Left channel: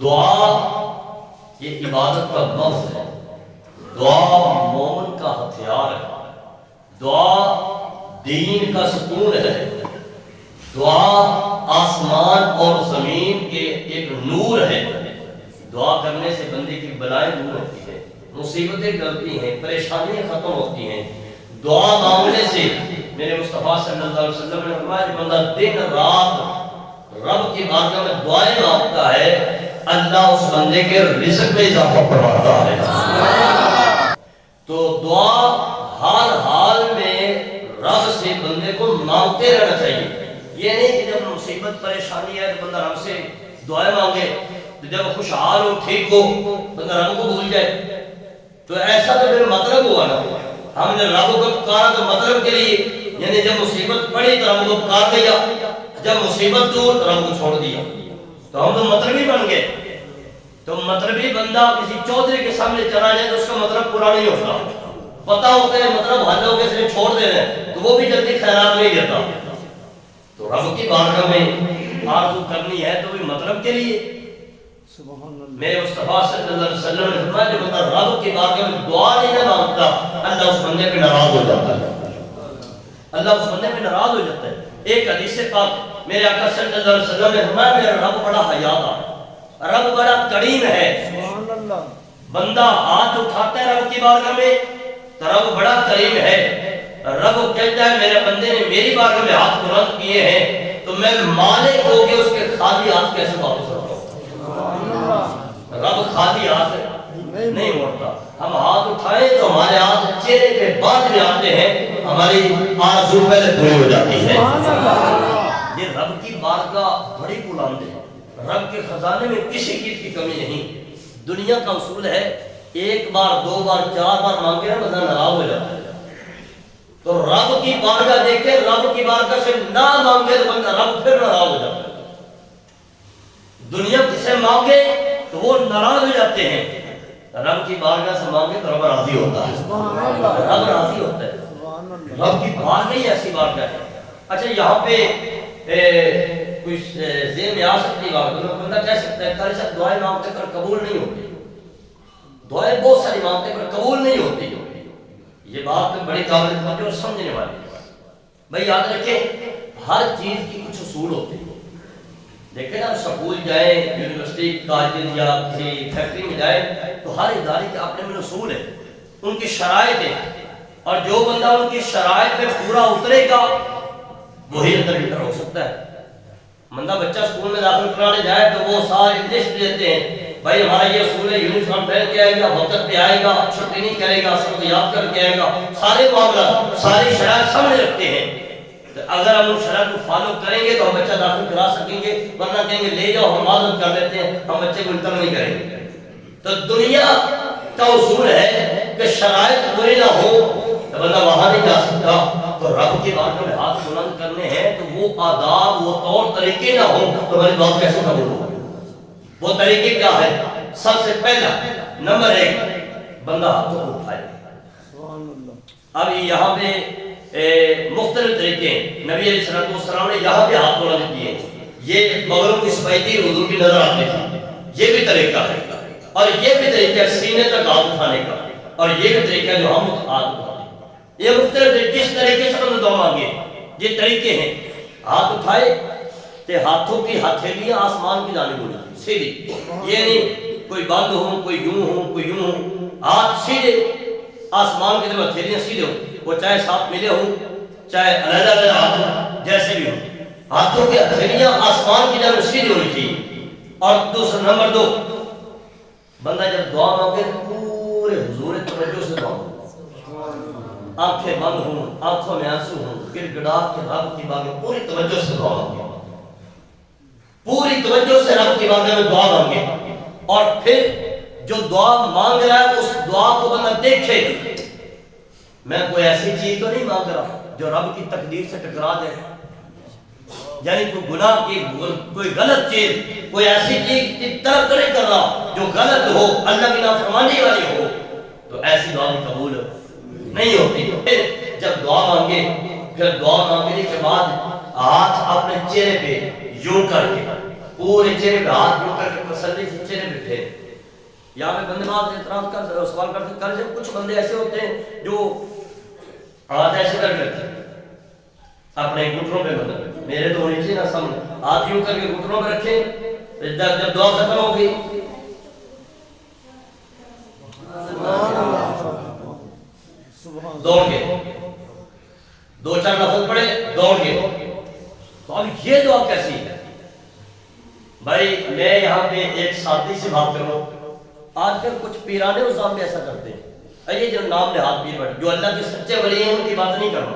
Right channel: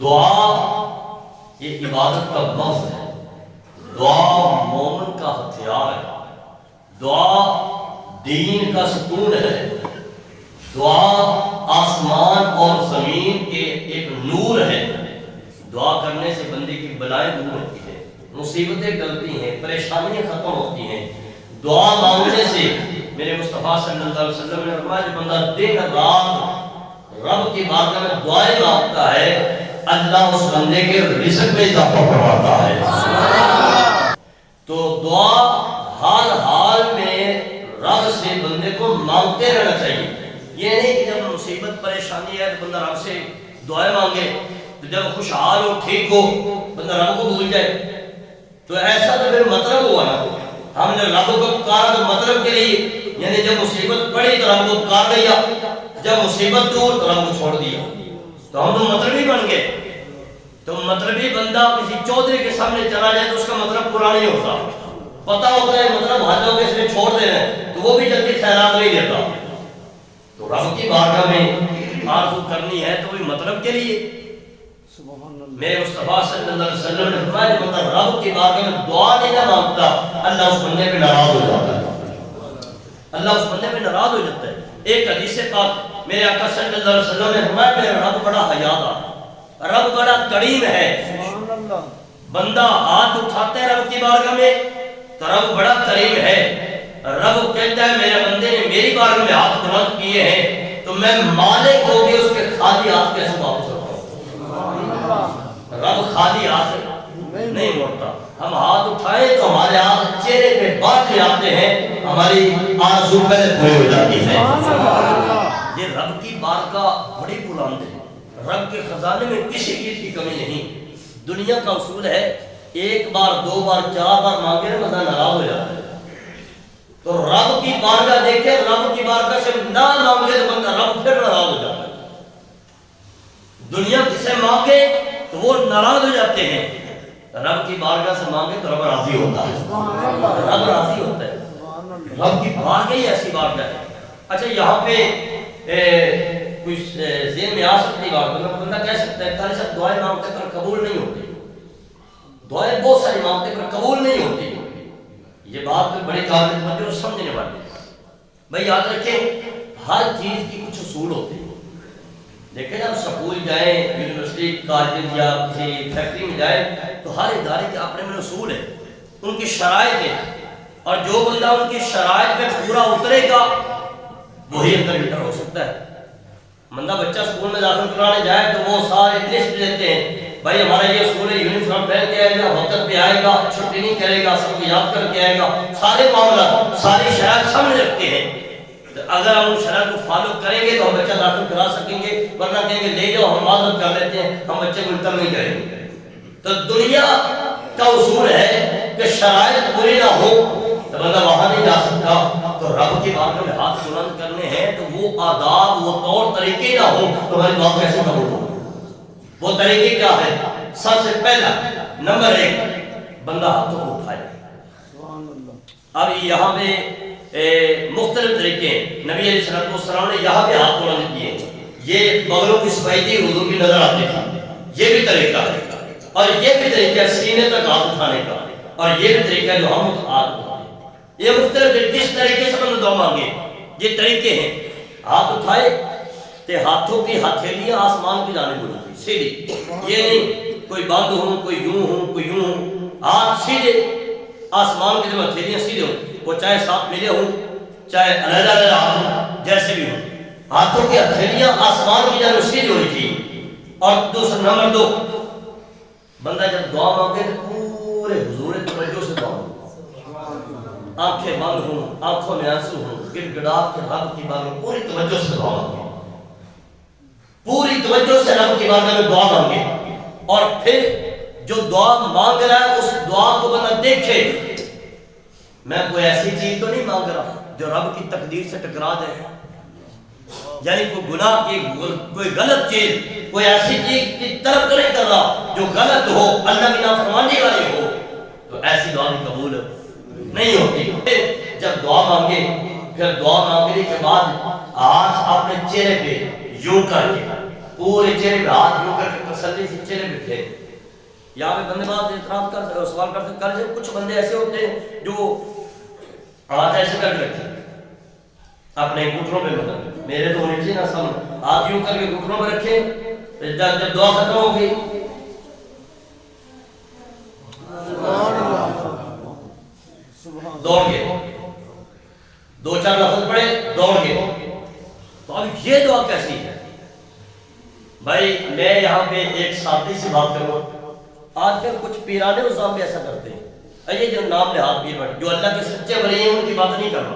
دعا یہ عبادت کا لفظ ہے، دعا مومن کا ہتھیار ہے، دعا دین کا ستون ہے، دعا آسمان اور زمین کے ایک نور ہے۔ دعا کرنے سے بندے کی بلائیں دور ہوتی ہیں، مصیبتیں ٹلتی ہیں، پریشانیاں ختم ہوتی ہیں۔ دعا مانگنے سے میرے مصطفیٰ صلی اللہ علیہ وسلم نے فرمایا کہ بندہ دن رات رب کی بارگاہ میں دعائیں مانگتا ہے، اللہ اس بندے کے رزق میں اضافہ فرماتا ہے۔ تو دعا حال حال میں رب سے بندے کو مانگتے رہنا چاہیے۔ یہ نہیں کہ جب مصیبت پریشانی ہے تو بندہ رب سے دعائیں مانگے، تو جب خوشحال ہو ٹھیک ہو بندہ رب کو بھول جائے، تو ایسا تو پھر مطلب ہوا نا، ہم نے رب کو پکارا تو مطلب کے لیے، یعنی جب مصیبت پڑی تو رب کو پکار دیا، جب مصیبت دور تو رب کو چھوڑ دیا، تو ہم تو مطلبی بن گئے۔ تو مطلبی بندہ کسی چودھری کے سامنے چلا جائے تو اس کا مطلب پورا نہیں ہوتا، پتہ ہوتا ہے مطلب حل ہو کے اس نے چھوڑ دے رہے ہیں تو وہ بھی جلدی خیرات نہیں دیتا۔ تو رب کی بارگاہ میں آرزو کرنی ہے تو بھی مطلب کے لیے۔ میرے مصطفیٰ صلی اللہ علیہ وسلم نے فرمایا کہ بندہ رب کی بارگاہ میں دعا نہیں نہ مانگتا، اللہ اس بندے پہ ناراض ہو جاتا ہے، اللہ اس بندے پہ ناراض ہو جاتا ہے۔ ایک حدیث پاک میرے آقا صلی اللہ علیہ وسلم نے فرمایا میرا رب بڑا حیادار، رب بڑا کریم ہے۔ بندہ ہاتھ اٹھاتا ہے رب کی بارگاہ میں تو رب بڑا کریم ہے، رب کہتا ہے میرے بندے نے میری بارگاہ میں ہاتھ بلند کیے ہیں تو میں مالک ہو کے اس کے خالی ہاتھ کیسے واپس رکھوں۔ رب خالی ہاتھ نہیں موڑتا، ہم ہاتھ اٹھائیں تو ہمارے ہاتھ چہرے پہ باندھ میں آتے ہیں، ہماری آرزو پہلے پوری ہو جاتی ہے۔ یہ رب کی بارگاہ بڑی بلند ہے، رب کے خزانے میں کسی چیز کی کمی نہیں۔ دنیا کا اصول ہے ایک بار دو بار چار بار مانگے بندہ ناراض ہو جاتا ہے، تو رب کی بارگاہ دیکھے، رب کی بارگاہ سے نہ مانگے تو بندہ رب پھر ناراض ہو جاتا ہے۔ دنیا کسے مانگے تو وہ ناراض ہو جاتے ہیں، رب کی بارگاہ سے مانگے تو رب راضی ہوتا ہے، رب راضی ہوتا ہے۔ رب کی بارگاہ ہی ایسی بارگاہ ہے۔ اچھا یہاں پہ کچھ ذہن میں آ سکتی بات، بندہ کہہ سکتا ہے قاری صاحب دعائیں مانگتے پر قبول نہیں ہوتی، دعائیں بہت ساری مانگتے پر قبول نہیں ہوتی۔ یہ بات بڑی قابل توجہ اور سمجھنے والی ہے۔ بھائی یاد رکھیں ہر چیز کی کچھ اصول ہوتے ہیں۔ لیکن ہم سکول جائیں، یونیورسٹی، کالج یا کسی فیکٹری میں جائیں تو ہر ادارے کے اپنے میں اصول ہیں، ان کی شرائط ہیں، اور جو بندہ ان کی شرائط میں پورا اترے گا وہی اندر انٹر ہو سکتا ہے۔ بندہ بچہ اسکول میں داخل کرانے جائے تو وہ سارے لسٹ دیتے ہیں، بھائی ہمارا یہ اصول ہے، یونیفارم پہن کے آئے گا، وقت پہ آئے گا، چھٹی نہیں کرے گا، سب کو یاد کر کے آئے گا، سارے معاملات ساری شرائط سامنے رکھتے ہیں۔ اگر ہم ان شرائط کو فالو کریں گے تو ہم بچہ داخل کرا سکیں گے، ورنہ کہیں گے لے جاؤ ہم معذرت کر لیتے ہیں، ہم بچے کو انٹر نہیں کریں گے۔ تو دنیا کا اصول ہے کہ شرائط پوری نہ ہو تو بندہ وہاں نہیں جا سکتا۔ تو رب کی بارگاہ میں ہاتھ بلند کرنے ہیں تو وہ آداب، وہ طور طریقے نہ ہوں تو ہماری دعا کیسے قبول ہو؟ وہ طریقے کیا ہے؟ سب سے پہلا نمبر ایک، بندہ ہاتھوں کو اٹھائے۔ اب یہاں پہ مختلف طریقے ہیں، نبی علیہ السلام نے یہاں پہ ہاتھ بلند کیے، یہ بغلوں کی سفیدی حضور کی نظر آتی تھی، یہ بھی طریقہ ہے، اور یہ بھی طریقہ ہے سینے تک ہاتھ اٹھانے کا، اور یہ بھی طریقہ ہے جو ہم ہاتھ اٹھاتے ہیں۔ یہ مختلف جس طریقے سے بندہ دعا مانگے یہ طریقے ہیں۔ ہاتھ اٹھائے تو ہاتھوں کی ہتھیلیاں آسمان کی جانب ہونی چاہیے، سیدھی، یہ نہیں کوئی بند ہوں، کوئی یوں ہوں، کوئی یوں ہوں، ہاتھ سیدھے آسمان کی طرف، ہتھیلیاں سیدھے ہوں، وہ چاہے ساتھ ملے ہوں چاہے علیحدہ علیحدہ ہاتھ ہوں، جیسے بھی ہوں، ہاتھوں کی ہتھیلیاں آسمان کی جانب سیدھی ہونی چاہیے۔ اور دوسرا نمبر دو، بندہ جب دعا مانگے تو پورے حضور توجہ سے دعا مانگے، آنکھیں بند ہوں، آنکھوں میں آنسو ہوں، گر گڑا کے رب کی بارگاہ پوری توجہ سے دعا مانگے، پوری توجہ سے رب کی بارگاہ میں دعا مانگے، اور پھر جو دعا مانگ رہا ہے اس دعا کو بندہ دیکھے، میں کوئی ایسی چیز تو نہیں مانگ رہا جو رب کی تقدیر سے ٹکرا جائے، یعنی کوئی گناہ کی کوئی غلط چیز، کوئی ایسی چیز کی طرف تو نہیں کر رہا جو غلط ہو، اللہ کی نافرمانی والی ہو، تو ایسی دعا بھی قبول نہیں ہوتی۔ جب دعا مانگے پھر دعا مانگنے کے بعد ہاتھ اپنے چہرے پہ یوں کر کے پورے چہرے پہ ہاتھ جو کر کے تسلی سے چہرے پہ پھیر. یہاں پہ بندے بعض اعتراض کر سوال کر کچھ بندے ایسے ہوتے ہیں جو ہاتھ ایسے کر کے رکھتے ہیں اپنے گھٹنوں پہ, مطلب میرے تو ہونے چاہیے نا سامنے, ہاتھ یوں کر کے گھٹنوں پہ رکھے, جب دعا ختم ہو گئی دوڑ گئے, 2-4 لفظ پڑھے دوڑ گئے. تو اب یہ دعا کیسی ہے بھائی؟ میں یہاں پہ ایک سادی سی بات کروں. آج کل کچھ پیرانے نظام بھی ایسا کرتے ہیں, یہ جو نام نہاد پیر بیٹھے جو اللہ کے سچے ولی ہیں ان کی بات نہیں کر رہا,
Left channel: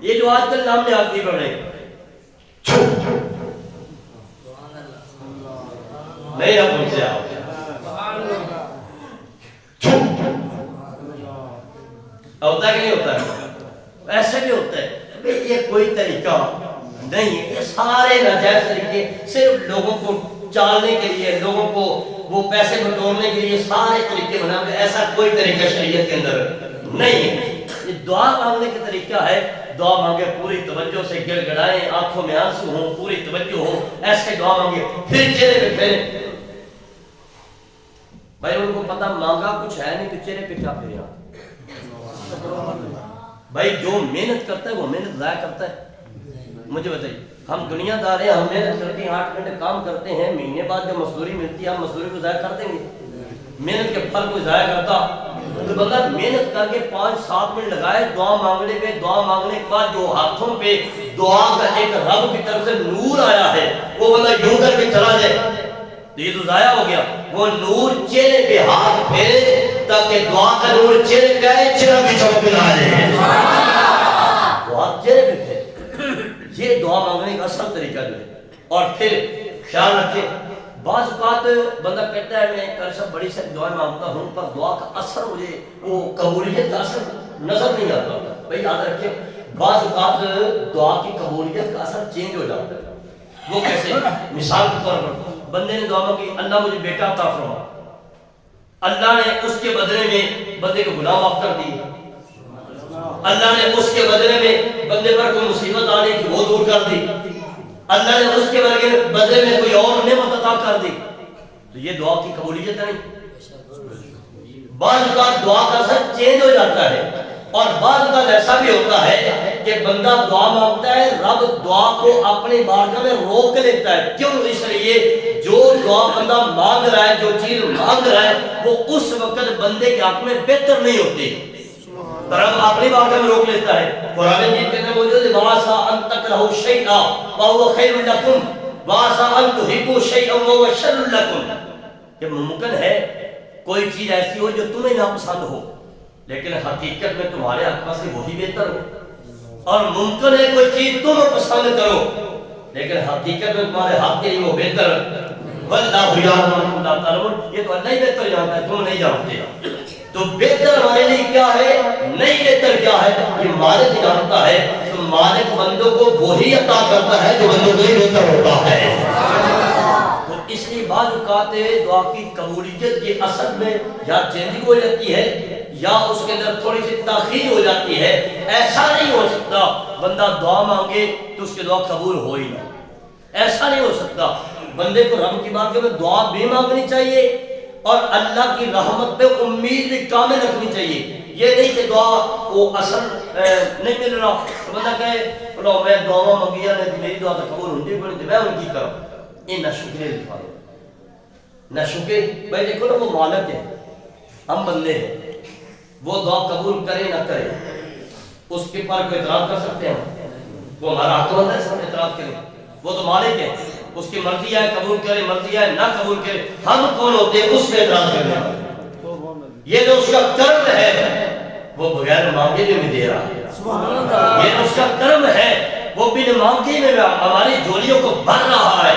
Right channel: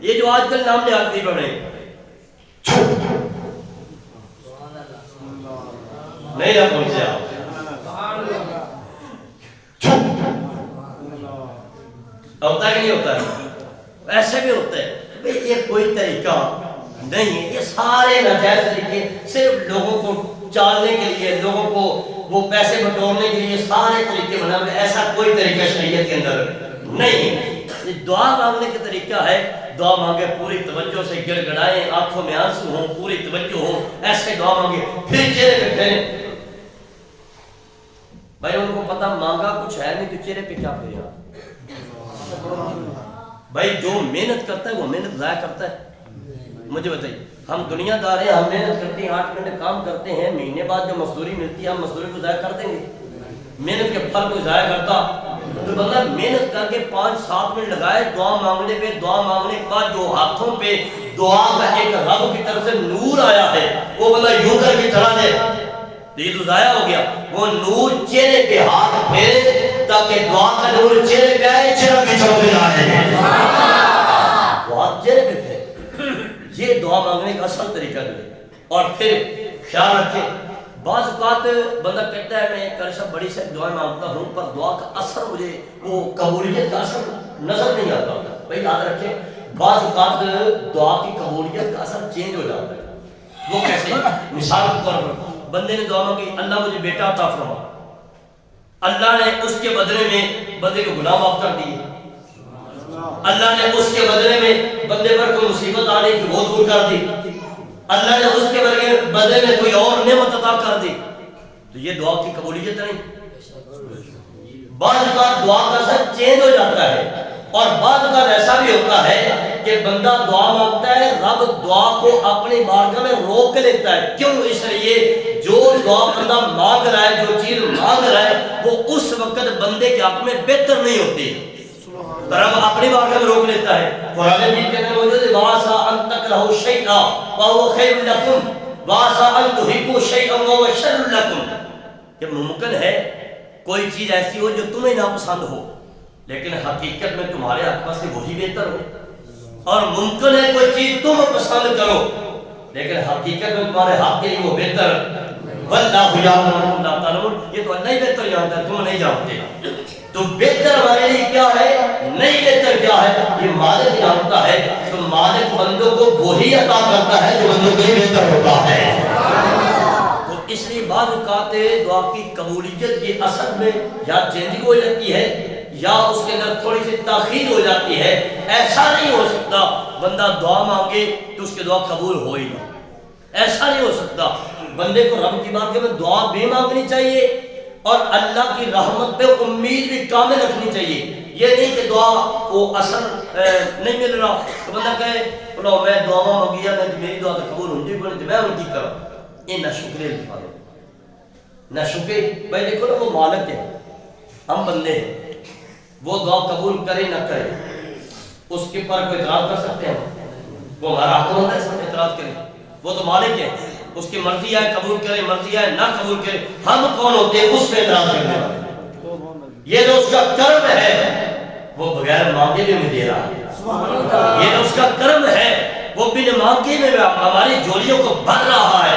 یہ جو آج کل نام نہاد پیر بنے نہیں آپ ان سے آپ ہوتا ہے کہ نہیں ہوتا ہے؟ ایسے بھی ہوتا ہے. یہ کوئی طریقہ نہیں ہے, یہ سارے ناجائز طریقے صرف لوگوں کو چالنے کے لیے, لوگوں کو وہ پیسے بٹورنے کے لیے سارے طریقے بنا. ایسا کوئی طریقہ شریعت کے اندر نہیں ہے. یہ دعا مانگنے کا طریقہ ہے, دعا مانگے پوری توجہ سے, گڑ گڑائیں, آنکھوں میں آنسو ہوں, پوری توجہ ہو, ایسے دعا مانگے پھر چہرے پہ پھیریں. بھائی ان کو پتہ مانگا کچھ ہے نہیں تو چہرے پہ کیا پھیرے آپ؟ بھائی جو محنت کرتا ہے وہ محنت ضائع کرتا ہے؟ مجھے بتائیے, ہم دنیا دار ہیں, ہم محنت کرتے ہیں, 8 گھنٹے کام کرتے ہیں, مہینے بعد جو مزدوری ملتی ہے ہم مزدوری کو ضائع کر دیں گے؟ محنت کے پھل کو ضائع کرتا تو بندہ محنت کر کے 5-7 منٹ لگائے دعا مانگنے پہ, دعا مانگنے کے بعد جو ہاتھوں پہ دعا کا ایک رب کی طرف سے نور آیا ہے وہ بندہ یوں کر کے چلا جائے تو یہ تو ضائع ہو گیا. وہ نور چہرے پہ ہاتھ پھیرے تاکہ دعا کا نور چہرے پہ آئے, چہرہ بھی چمک نہ آئے, وہ ہاتھ چہرے پہ پھیرے. یہ دعا مانگنے کا اصل طریقہ جو ہے. اور پھر خیال رکھیں, بعض اوقات بندہ کہتا ہے میں ایک عرصہ بڑی سے دعائیں مانگتا ہوں پر دعا کا اثر مجھے وہ قبولیت کا اثر نظر نہیں آتا. بھائی یاد رکھیں, بعض اوقات دعا کی قبولیت کا اثر چینج ہو جاتا ہے. وہ کیسے؟ مثال کے طور پر بندے نے دعا مانگی اللہ مجھے بیٹا عطا فرما, اللہ نے اس کے بدلے میں بندے کو گناہ معاف کر دیے, اللہ نے اس کے بدلے میں بندے پر کوئی مصیبت آنے کی وہ دور کر دی, اللہ نے اس کے بدلے میں کوئی اور نعمت عطا کر دی, تو یہ دعا کی قبولیت نہیں. بعض اوقات دعا کا اثر چینج ہو جاتا ہے اور بعض اوقات ایسا بھی ہوتا ہے کہ بندہ دعا مانگتا ہے, رب دعا کو اپنی بارگاہ میں روک لیتا ہے. کیوں؟ اس لیے جو دعا بندہ مانگ رہا ہے, جو چیز مانگ رہا ہے وہ اس وقت بندے کے حق میں بہتر نہیں ہوتی, رب اپنی بارگاہ میں روک لیتا ہے. قرآن مجید کے اندر موجود ہے وَعَسَىٰ أَن تَكْرَهُوا شَيْئًا وَهُوَ خَيْرٌ لَكُمْ وَعَسَىٰ أَن تُحِبُّوا شَيْئًا وَهُوَ شَرٌّ لَكُمْ. کہ ممکن ہے کوئی چیز ایسی ہو جو تمہیں ناپسند ہو لیکن حقیقت میں تمہارے حق میں سے وہی بہتر ہو, اور ممکن ہے کوئی چیز تم پسند کرو لیکن حقیقت میں تمہارے حق کے لیے وہ بہتر. وَاللَّهُ يَعْلَمُ وَأَنْتُمْ لَا تَعْلَمُونَ. یہ تو اللہ ہی بہتر جانتا ہے, تم نہیں جانتے. تو بہتر ہمارے لیے کیا ہے, نہیں بہتر کیا ہے, یہ مالک جانتا ہے. تو مالک بندوں کو وہی عطا کرتا ہے جو بندوں کے لیے بہتر ہوتا ہے. تو اس لیے بعض اوقات دعا کی قبولیت کی اصل میں یا چینجنگ ہو جاتی ہے یا اس کے اندر تھوڑی سی تاخیر ہو جاتی ہے. ایسا نہیں ہو سکتا بندہ دعا مانگے تو اس کی دعا قبول ہو ہی نہ, ایسا نہیں ہو سکتا. بندے کو رب کی بارگاہ میں دعا بھی مانگنی چاہیے اور اللہ کی رحمت پہ امید بھی کامل رکھنی چاہیے. یہ نہیں کہ دعا وہ اثر نہیں مل رہا تو بندہ کہے بولو میں دعا مانگی ہے میری دعا تو قبول ہوتی ہے میں ان کی کروں. یہ نہ شکریہ دکھا دے, نہ شکر. بھائی دیکھو نا وہ مالک ہے, ہم بندے ہیں, وہ دعا قبول کرے نہ کرے اس کے پر کوئی اعتراض کر سکتے ہیں؟ وہ ہمارا حق ہوتا ہے اس پر اعتراض کریں, وہ تو مالک ہے, اس کی مرضی ہے قبول کرے, مرضی ہے نہ قبول کرے. ہم کون ہوتے ہیں اس پہ اعتراض کرنے والے؟ یہ جو اس کا کرم ہے وہ بغیر مانگے بھی ہمیں دے رہا ہے. یہ جو اس کا کرم ہے وہ بن مانگے میں ہماری جولیوں کو بھر رہا ہے.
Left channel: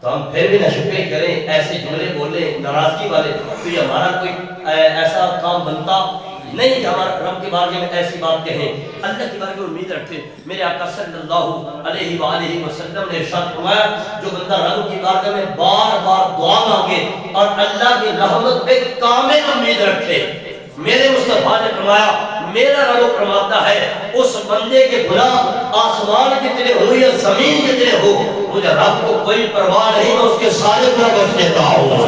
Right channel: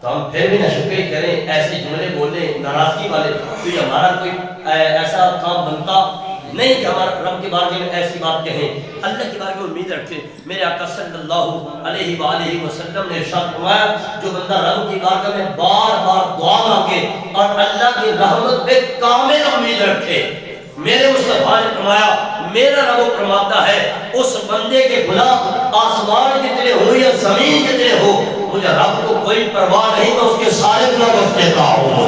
تو ہم پھر بھی نہ شکر کریں, ایسے جملے بولیں ناراضگی والے, تو یہ ہمارا کوئی ایسا کام بنتا نہیں کہ ہمارا رب کے بارے میں ایسی بات کہیں. اللہ کے بارے میں امید رکھتے ہیں. میرے آقا صلی اللہ علیہ وآلہ وسلم نے ارشاد فرمایا جو بندہ رب کی بارگاہ میں بار بار دعا مانگے اور اللہ کی رحمت پہ کامل امید رکھے, میرے مصطفیٰ نے فرمایا میرا رب فرماتا ہے اس بندے کے گناہ آسمان جتنے ہو یا زمین جتنے ہو، مجھے رب کو کوئی پرواہ نہیں، تو اس کے سارے گناہ بخش دیتا ہوں۔